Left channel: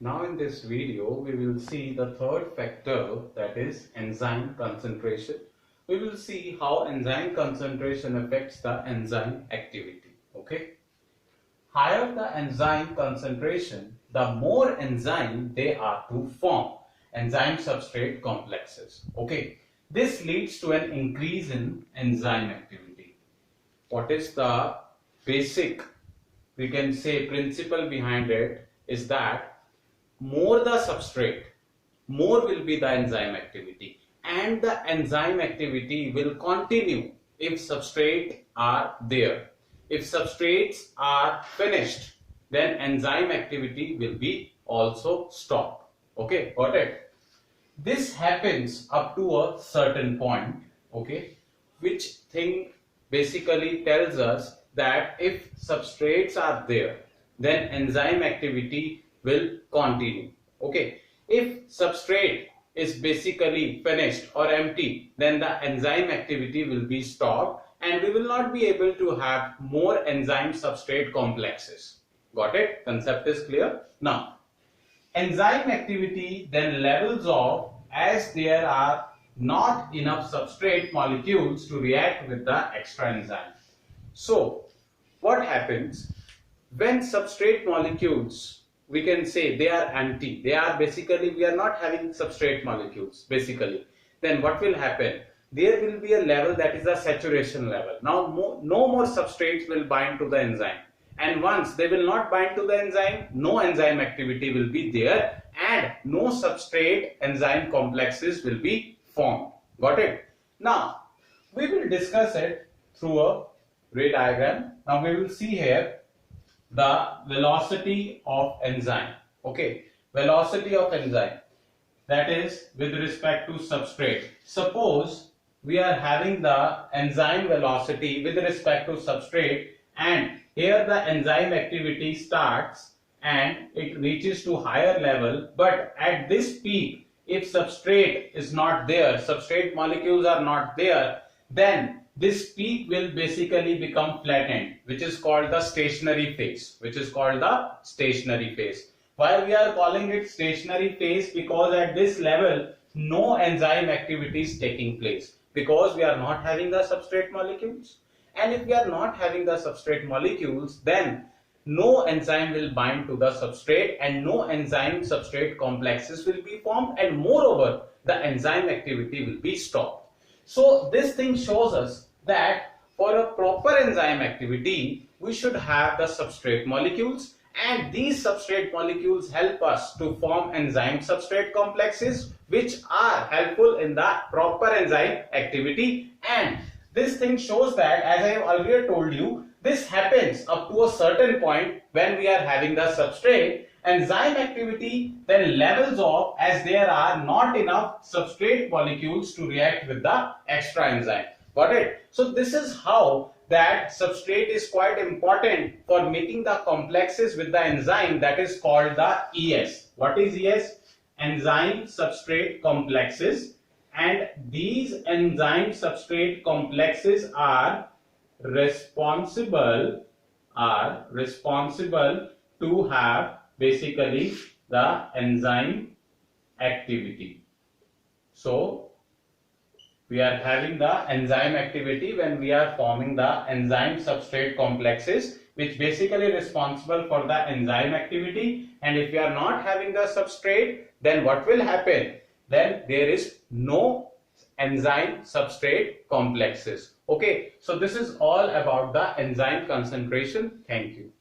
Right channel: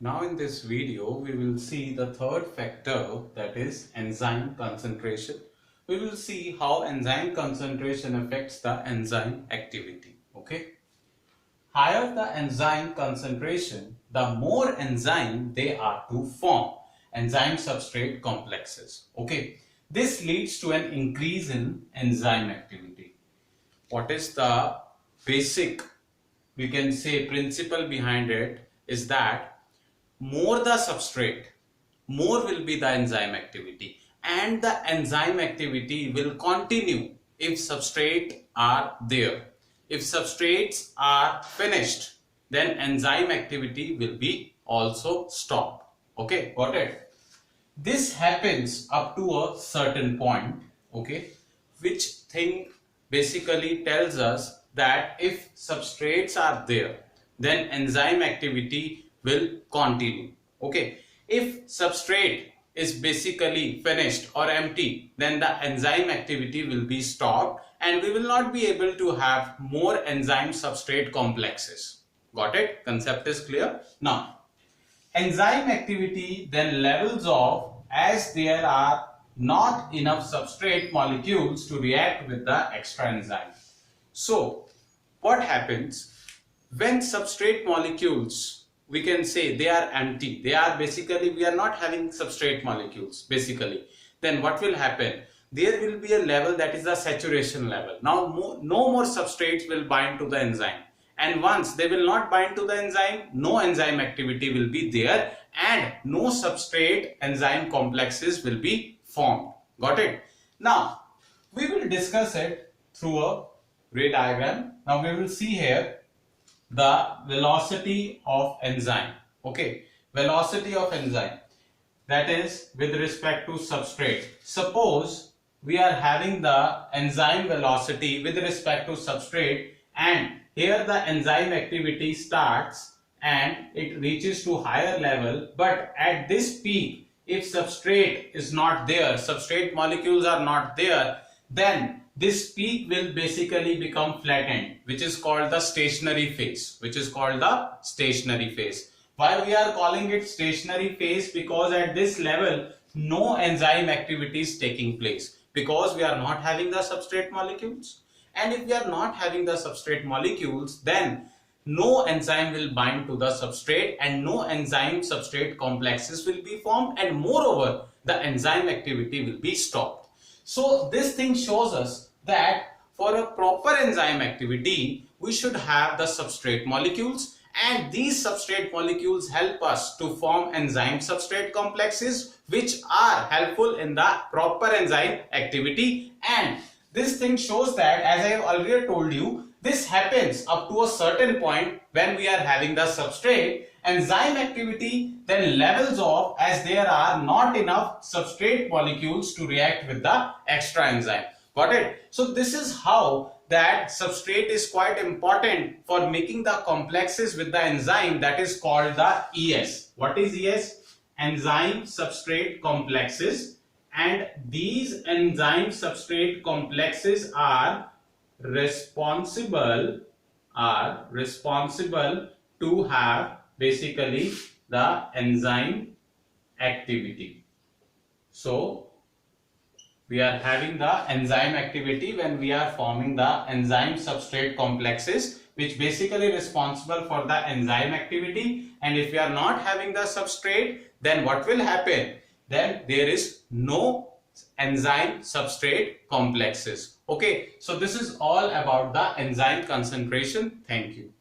Now in this video, we will see the third factor, that is enzyme concentration. We will see how enzyme concentration affects the enzyme activity. Okay. Higher the enzyme concentration, the more enzyme they are to form enzyme substrate complexes. Okay. This leads to an increase in enzyme activity. What is the basic, we can say, principle behind it is that more the substrate, more will be the enzyme activity, and the enzyme activity will continue if substrate are there. If substrates are finished, then enzyme activity will be also stopped. Okay, got it? This happens up to a certain point, okay, which thing basically tells us that if substrates are there, then enzyme activity will continue. Okay, if substrate is basically finished or empty, then the enzyme activity will be stopped and we will not be able to have more enzyme substrate complexes. Got it? Concept is clear. Now, enzyme activity then levels off as there are not enough substrate molecules to react with the extra enzyme. So, what happens when substrate molecules, we can say they are empty, they are basically, we are not having substrate molecules basically, then what will happen? There will be a level that is the saturation level. Now no more substrates will bind to the enzyme, and once they will not bind to the enzyme, no enzyme activity will be there and no substrate enzyme complexes will be formed. Got it? Now we will discuss it through a ray diagram. Now we will see here the velocity of enzyme. Okay, velocity of enzyme, that is with respect to substrate. Suppose we are having the enzyme velocity with respect to substrate, and here the enzyme activity starts and it reaches to higher level, but at this peak, if substrate is not there, substrate molecules are not there, then this peak will basically become flattened, which is called the stationary phase, Why we are calling it stationary phase? Because at this level, no enzyme activity is taking place, because we are not having the substrate molecules. And if we are not having the substrate molecules, then no enzyme will bind to the substrate and no enzyme substrate complexes will be formed, and moreover, the enzyme activity will be stopped. So this thing shows us that for a proper enzyme activity, we should have the substrate molecules, and these substrate molecules help us to form enzyme substrate complexes which are helpful in the proper enzyme activity. And this thing shows that, as I have earlier told you, this happens up to a certain point when we are having the substrate. Enzyme activity then levels off as there are not enough substrate molecules to react with the extra enzyme. Got it? So this is how that substrate is quite important for making the complexes with the enzyme, that is called the ES. What is ES? Enzyme substrate complexes. And these enzyme substrate complexes are responsible to have basically the enzyme activity. So we are having the enzyme activity when we are forming the enzyme substrate complexes, which basically responsible for the enzyme activity. And if we are not having the substrate, then what will happen? Then there is no enzyme substrate complexes. Okay, so this is all about the enzyme concentration. Thank you.